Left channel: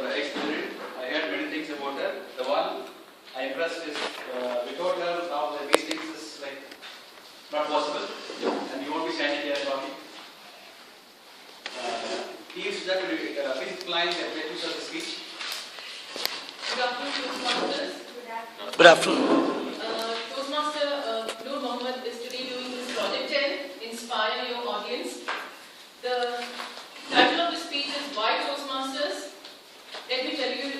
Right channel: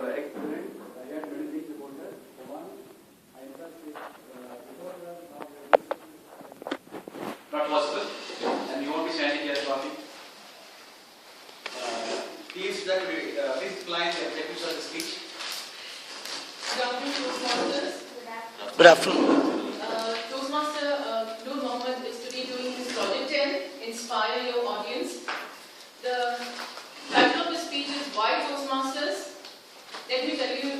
your experience. I heard many things about her. The one I impressed is without her now these things is like not possible. And you won't be standing here talking. Please plan the objectives of the speech. Good afternoon, Toastmasters. Good afternoon. Toastmaster Noor Mohammed is today doing his Project 10, Inspire Your Audience. The title of the speech is Why Toastmasters? Let me tell you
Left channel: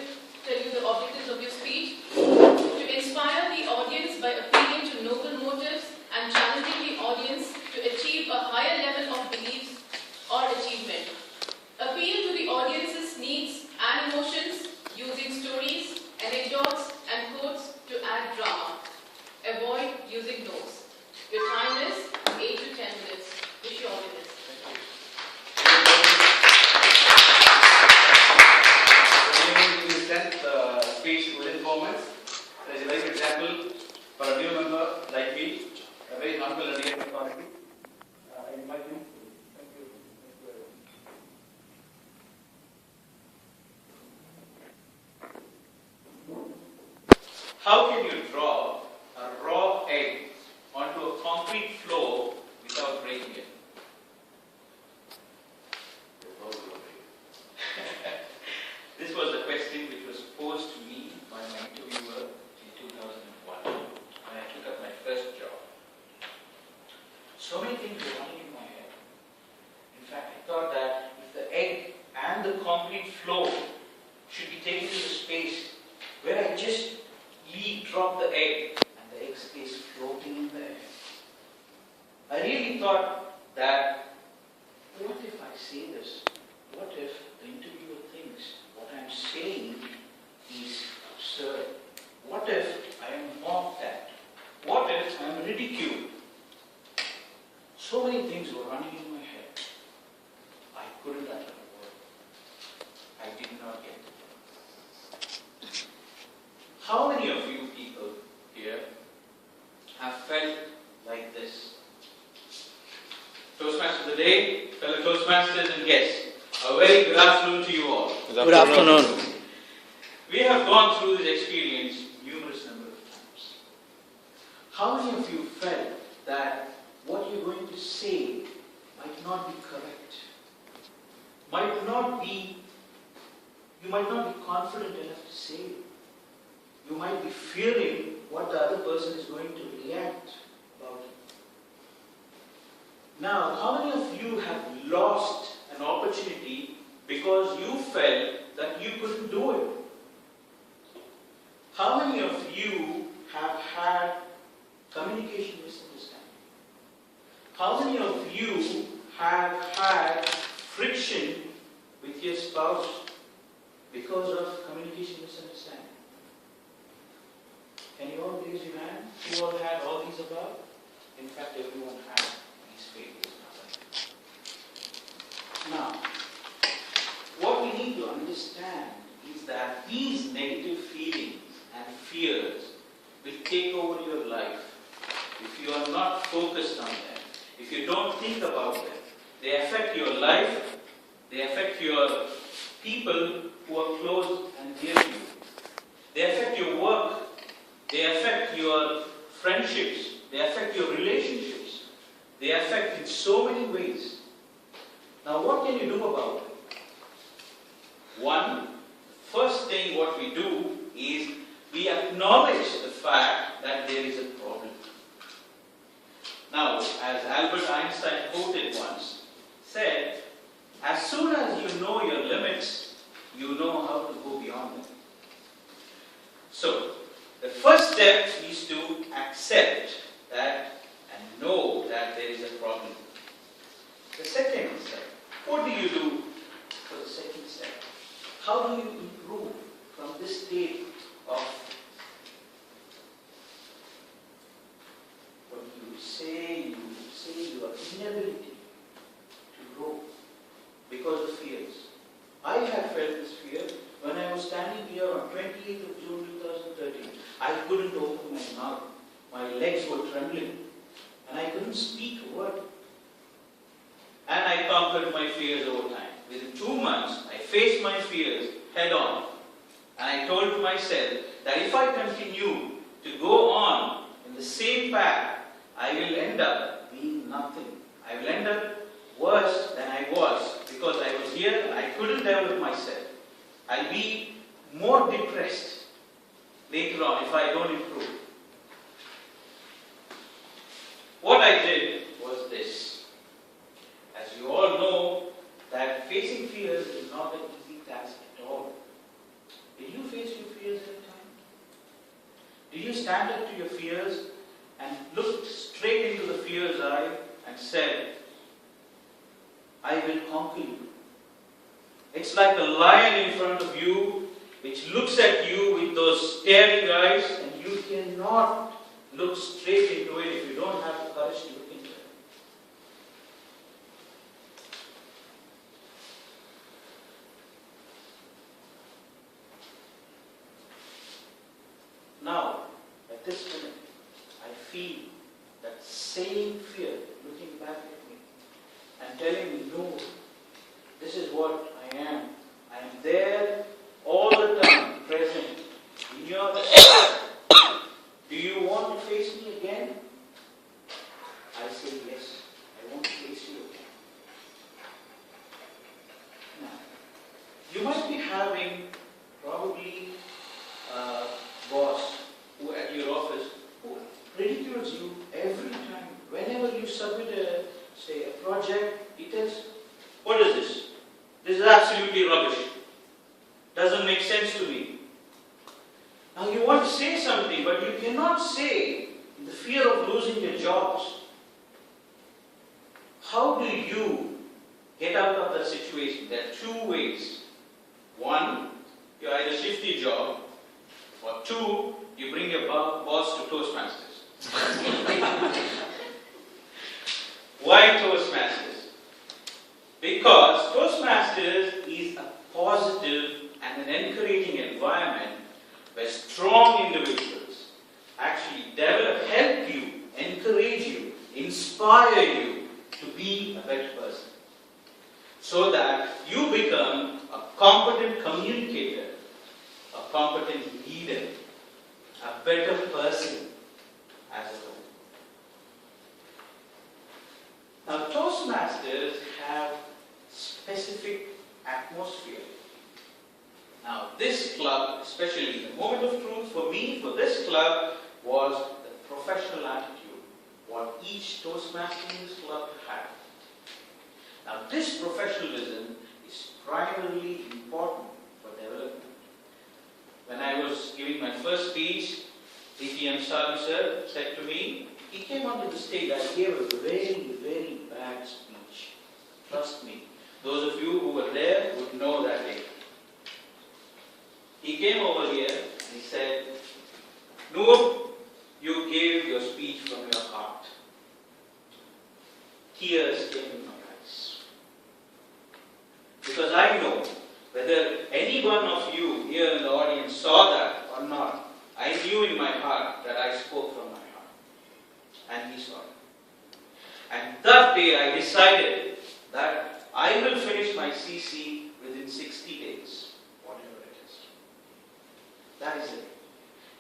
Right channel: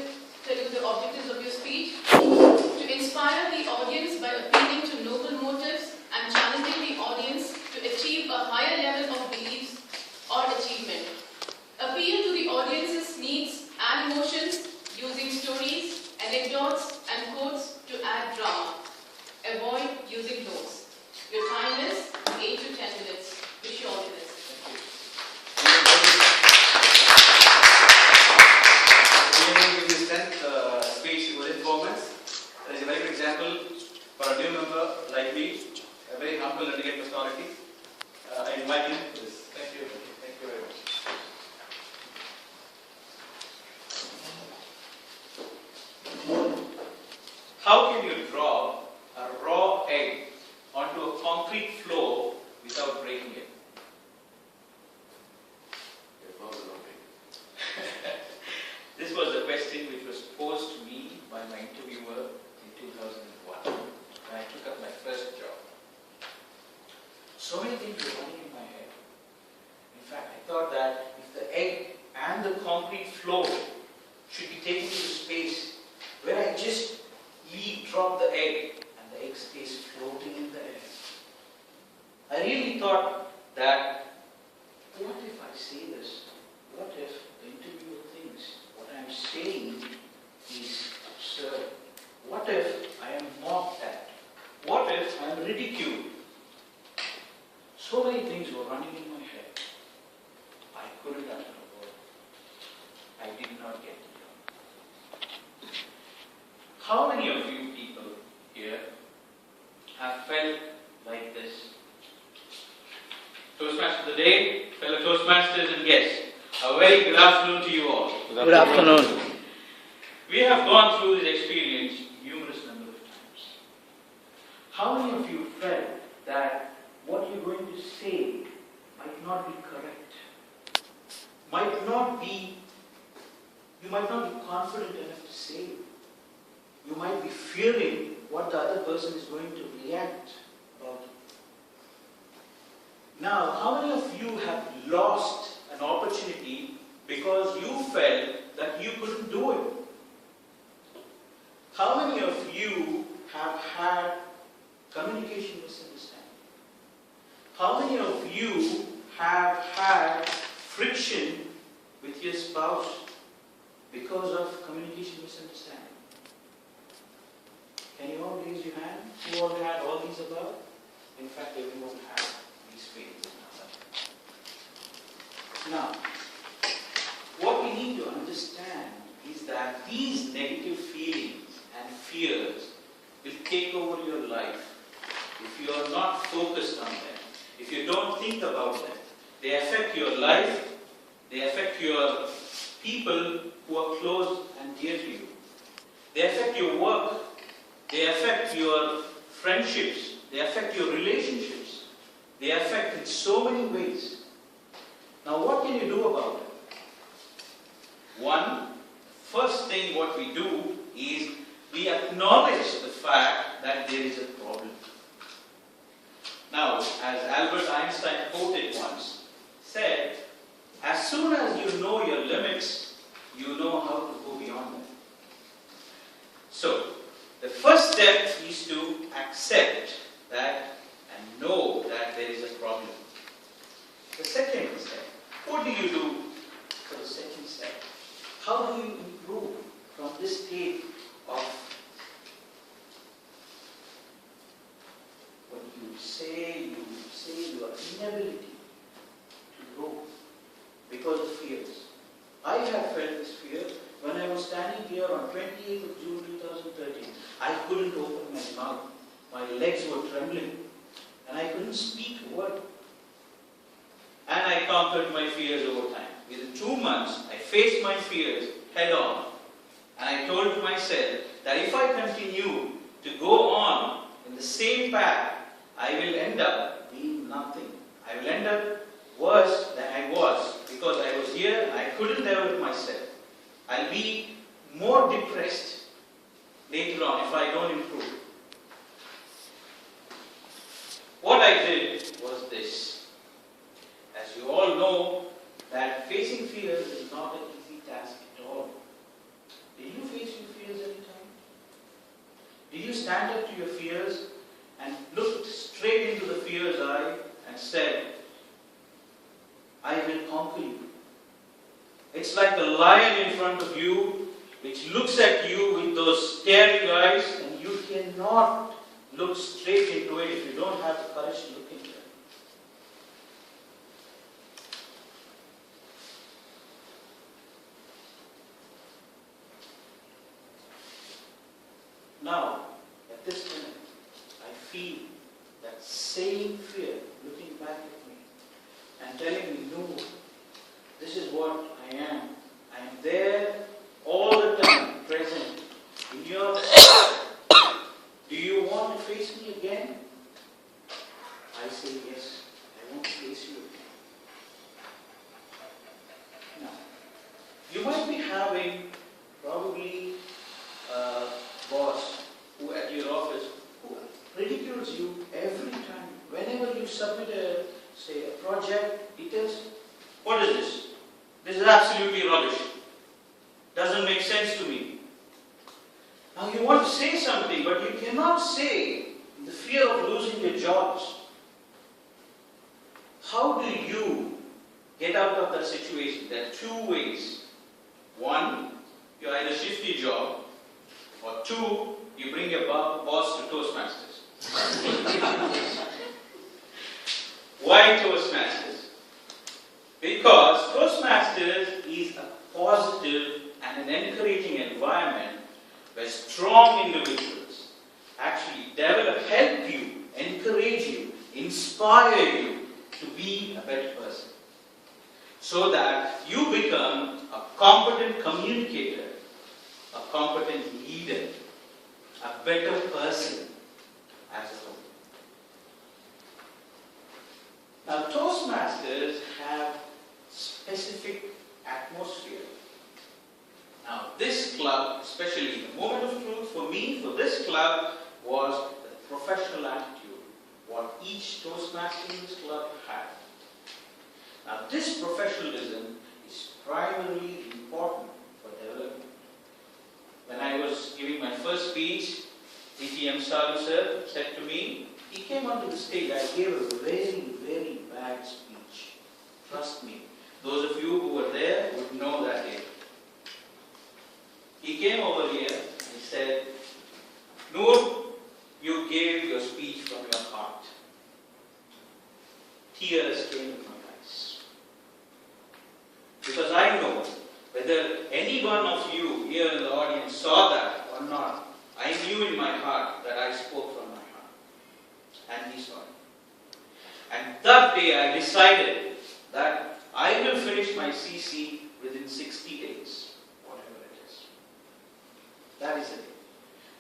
the objectives of your speech. To inspire the audience by appealing to noble motives and challenging the audience to achieve a higher level of beliefs or achievement. Appeal to the audience's needs and emotions using stories, anecdotes and quotes to add drama. Avoid using notes. Your time is 8 to 10 minutes. Wish you all the best. We are going to give you 10th speech within 4 minutes. That is a very good example for a new member like me, a very humble and delicate personality. I invite you to this. Thank you. Thank you very much. How can you drop a raw egg onto a concrete floor without breaking it? This was a question which was posed to me by my interviewer in 2001 when I took up my first job. So many things were running in my head. In fact, I thought that if the egg and the concrete floor should be taken to the space where I just drop the egg and the egg stays floating in the air. I really thought that, what if I say this? What if the interviewer thinks what I am saying is absurd? What if I am mocked at? What if I am ridiculed? So many things were running in my head. I couldn't utter a word. I did not get the job. How many of you people here have felt like this? Toastmaster of the day, fellow Toastmasters and guests, a very good afternoon to you all. Good afternoon. We have gone through this experience numerous number of times. How many of you felt that what you're going to say might not be correct? You might not be confident enough to say it. You might be fearing what the other person is going to react about it. Now, how many of you have lost an opportunity because you felt that you couldn't do it? How many of you have had communication misunderstanding? How many of you have had friction with your spouse because of communication misunderstanding? Can you all raise your hand? Who all had all these above? In fact, everyone had these phases. Now, what we need to understand is that these negative feelings and fears will take over your life if you are not focused on them, if you don't think about them. They affect your life, they affect your people who are close and dear to you. They affect your work, they affect your friendships, they affect your relationships, they affect in so many ways. Now what can you do about it? One, first thing what we do is we acknowledge the fact that there is a problem. Now, as Albert Einstein quoted once, said, as soon as you know your limits, you know how to go beyond them. So, the first step is to accept that and know that there is a problem. The second step, what do you do for the second step? How do you improve from this state of what you say your inability to grow because of fears? I had felt this fear when I was standing here on 28th of June 2013. I couldn't open my mouth. My legs were trembling and I couldn't speak a word. And I conquered my fears over time. Within 2 months, I faced my fears head on. And I told myself that if I continue to go on in the same path, I will end up being nothing. I will end up worse than I was, because I was here and I couldn't develop myself. I'll be more depressed later on if I don't improve. What I did was this. As you all know, that facing fears is not an easy task at all. Did you face your fears at a time? Did you stand up to your fears and looked straight into the fear's eye and said, I will conquer you? It's like a lion in front of you which looks at you with those staring eyes, and you cannot look straight into it if you don't have the courage to look into it. Now, at this minute, I feel that same fear looking back at me and telling me, no, this is what I am. I am there all the time, present in your life. Do you want to face me again? I say yes, I want to face you again. Now, you might be having probably a boss who at your office who ridicules you every time. Whenever you submit a project, he tells, what is this? This is absolutely rubbish. Doesn't make sense to me. Now you want to say something, but you cannot say in the fear of losing your jobs. How do you get out of that situation? There are two ways. One, you either shift your job, or two, you bring your boss to Toastmasters. Why Toastmasters? Because Toastmasters is a positive and an encouraging environment where strong individuals actually help you, encourage you, inspire you to be a better person. So that you become a competent communicator, a competent leader, a better person as a whole. Now, Toastmasters have specific atmosphere. Now, this club, especially the moment of truth for me, for this club, was the professional attitude, what each Toastmaster in this club had. Now, this professionalism is primarily important for development. When I was giving my first speech, DTM Salu sir said to me, he came onto the stage, I gave a very, very bad speech. Trust me. Those of you who were there would know that day. He came over here and he said, Noor, you gave your speech from your heart. Tears came in my eyes. Because I know whether any one of you here in the audience saw that or not, I knew in my heart that I spoke from my heart. And he saw it. And that day I decided that I will finish my CC within 60 days, whatever it is. That is it.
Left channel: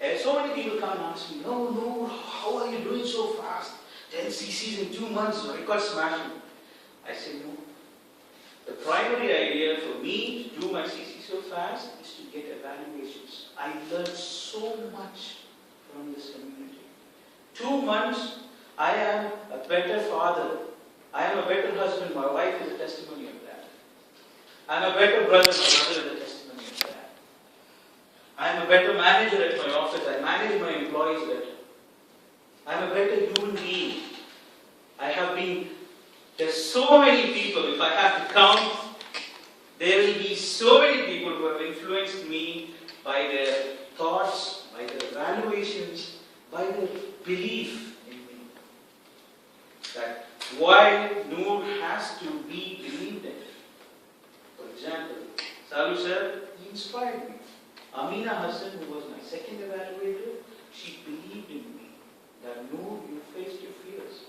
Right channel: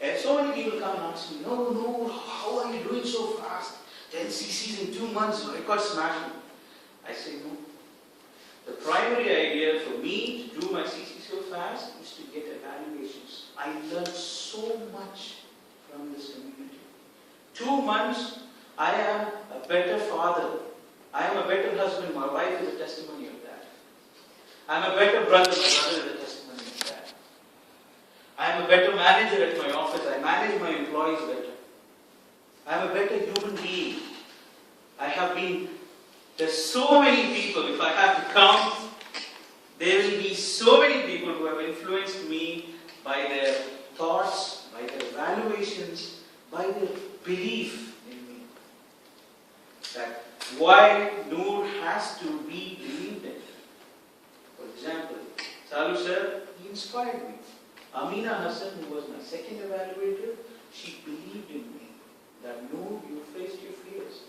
And so many people come and ask me, no, how are you doing so fast? 10 CCs in 2 months, I got smashing. I say no. The primary idea for me to do my CC so fast is to get evaluations. I learned so much from this community. 2 months, I am a better father. I am a better husband. My wife is a testimony of that. I am a better brother. My brother is a testimony of that. I am a better manager at my office. I manage my employees better. I am a better human being. There's so many people, if I have to count, there will be so many people who have influenced me by their thoughts, by their evaluations, by their belief in me. That why Noor has to be believed in. For example, Salu sir, he inspired me. Amina Hassan, who was my second evaluator, she believed in me. That Noor, you faced your fears.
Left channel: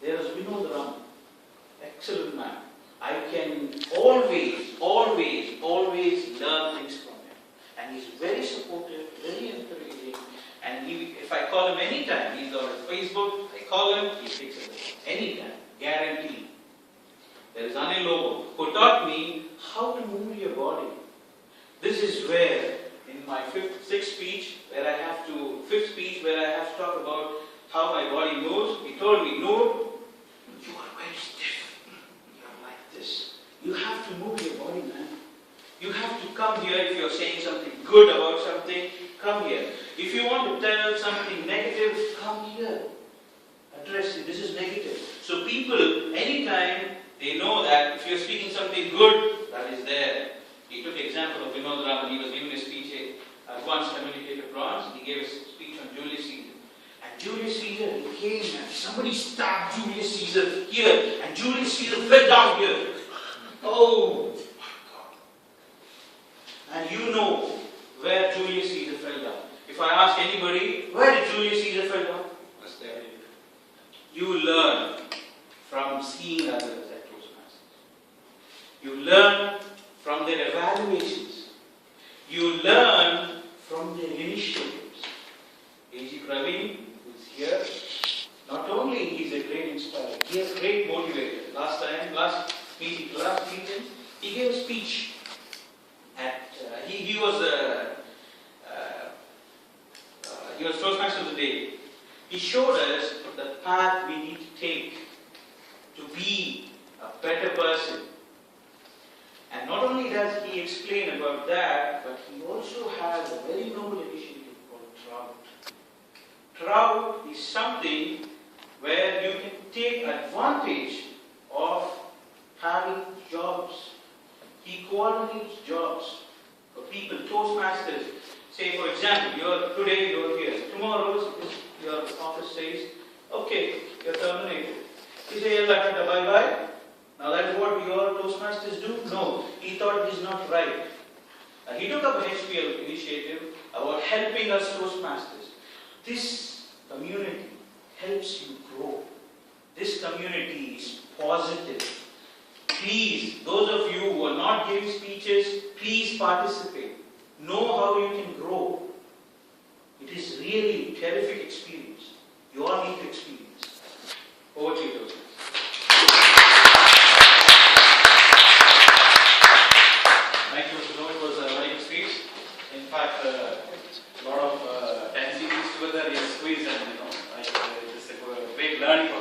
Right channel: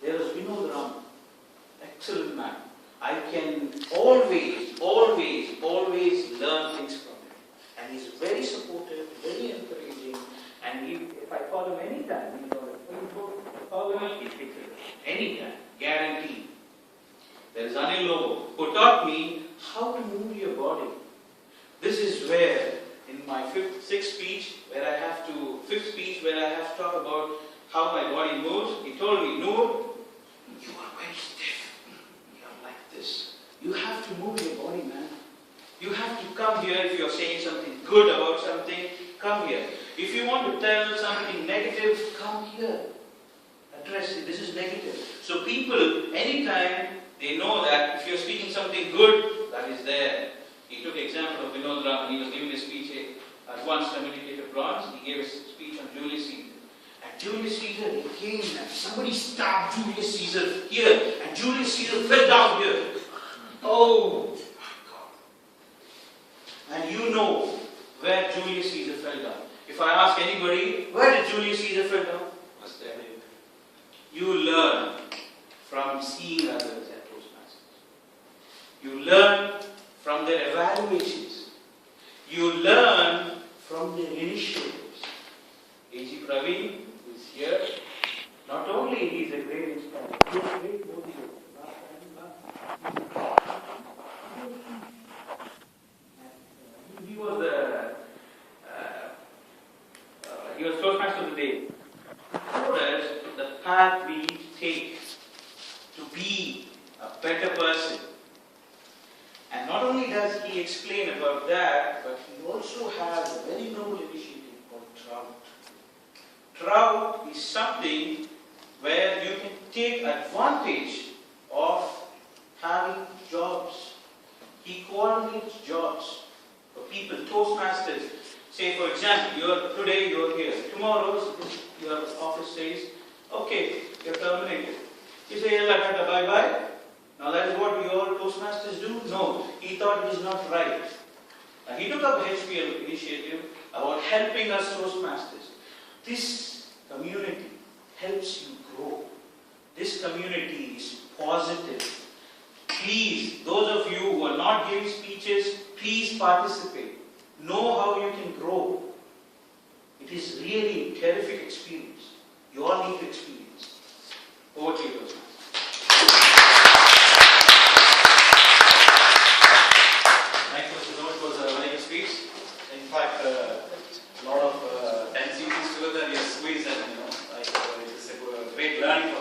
There was Vinod Ram, excellent man. I can always, always, always learn things from him. And he's very supportive, very encouraging. And if I call him anytime, he's on Facebook, I call him, he picks it up. Anytime, guaranteed. There is Anil Lobo, who taught me how to move your body. This is where, in my fifth speech, where I have to talk about how my body moves, he told me, Noor, you are very stiff. You are like this. You have to move your body, man. You have to come here if you are saying something good about something, come here. If you want to tell something negative, come here. Address it. This is negative. So people, anytime they know that if you're speaking something good, that is there. He took example of Vinod Raman. He was giving a speech, advanced communicative bronze. He gave a speech on Julius Caesar. And Julius Caesar, he came and somebody stabbed Julius Caesar here. And Julius Caesar fell down here. Oh my God. And you know where Julius Caesar fell down. If I ask anybody, where did Julius Caesar fell down? You learn from seeing others at Toastmasters. You learn from their evaluations. You learn from their initiatives. A.G. Praveen, who is here, not only he is a great inspirer, he is a great motivator. Last meeting, he gave a speech. He was Toastmaster of the day. He showed us the path we need to take to be a better person. And not only does he explain about that, but he also has a very noble initiative called Trout. Trout is something where you can take advantage of having jobs. He coordinates jobs for people, Toastmasters. Say for example, today you're here. Tomorrow your office says, okay, you're terminated. You say, bye-bye. Now that is what your Toastmasters do? No, he thought it is not right. He took up a HPL initiative about helping us Toastmasters. This community helps you grow. This community is positive. Please, those of you who are not giving speeches, please participate. Know how you can grow. It is really a terrific experience. You all need to experience. Over to you, Toastmasters. Thank you, Mr. Noor. It was a very good speech. In fact, a lot of 10 series together is squeezed, and it's a great learning